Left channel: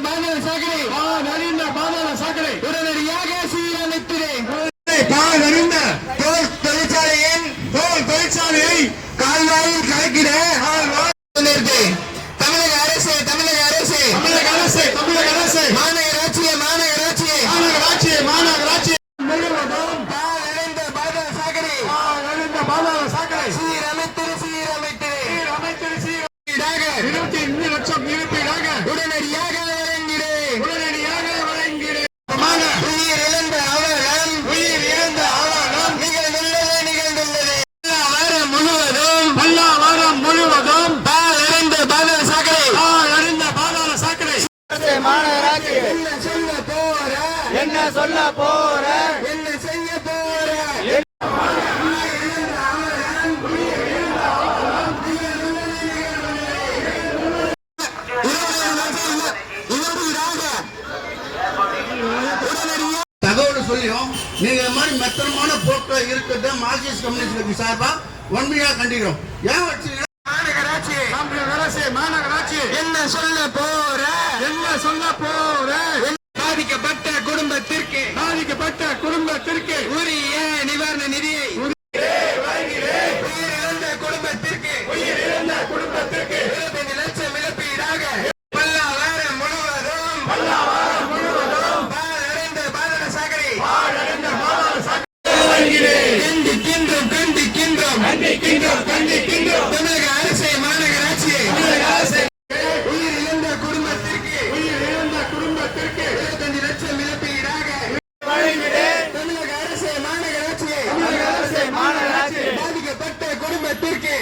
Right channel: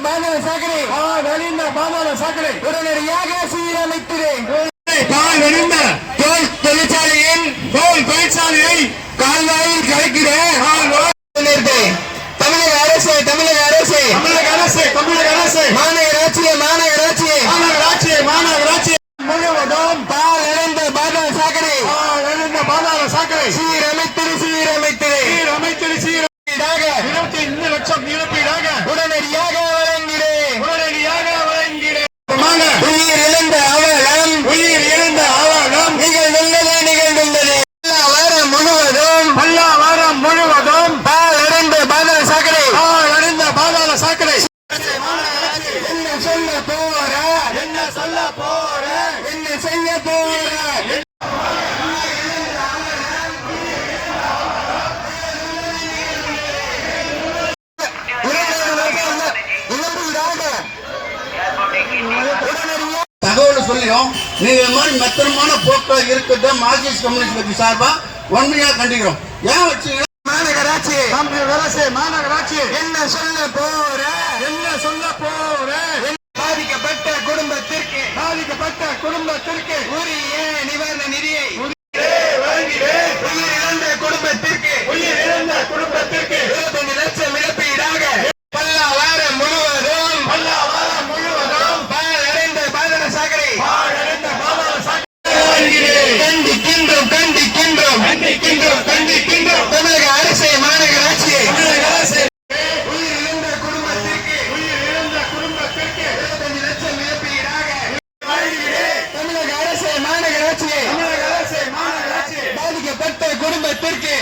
பாதாள சாக்கடை. வழிந்த பாதாள சாக்கடை. உடனடியாக சீரமைத்திடு பால் வடிந்த தோல் தொழிற்சாலையின் தோல் தொழிற்சாலையை கால்வாயில் கலக்கிற தமிழக அரசு தமிழக அரசு. தமிழக அரசு தமிழக அரசு. மாநகராட்சியை மாநகராட்சியை. மாநகராட்சி மாநகராட்சி முழுவதும் பால் இழந்த பாதாள சாக்கடை. வடிந்த பாதாள சாக்கடை. சீரமைத்திடு சீரமைத்திடு சீரமைத்தல் சீர ஈடாக இருபத்தி ஐந்து லட்சம் இழப்பீடாக. உடனடியாக வழங்கிட உயிர் இழந்த அவலம் உயிர் இழந்த ஆவணம் நிகழ்ந்துள்ளது நிகழ்ந்துள்ளது வாரம் முழுவதும் பல்லா வாரம் முழுவதும் பால் இழந்த பாதாள சாக்கடை பால் வடிந்த பாதாள சாக்கடை என்ன சொல்ல போற என்ன சொல்ல போற என்ன செய்ய போற உடனடியாக தகவல் சொல்லியும் நீங்க மாதிரி மெத்தனமான போக்குவரத்து இருக்கிறத மார்க்சிஸ்ட் கம்யூனிஸ்ட் கட்சி சார்பா வன்மையா கண்டிக்கிறோம். ஏன் வச்சு மாநகராட்சி. அரசு மாநகராட்சி. என்ன சொல்ல போற? என்ன சொல்ல போற? பாதிக்கப்பட்ட குடும்பத்திற்கு பாதிக்கப்பட்ட குடும்பத்திற்கு உரிய நிவாரண நிதியை குடும்பத்திற்கு உயிரிழந்த குடும்பத்திற்கு இருபத்தஞ்சு லட்சம் இழப்பீடாக பல்ல வாரம் முழுவதும் பல்ல வாரம் முழுவதும் பால் அடைந்த பாதாள சாக்கடை பால் அடைந்த பாதாள சாக்கடை பாதிக்கப்பட்ட குடும்பத்திற்கு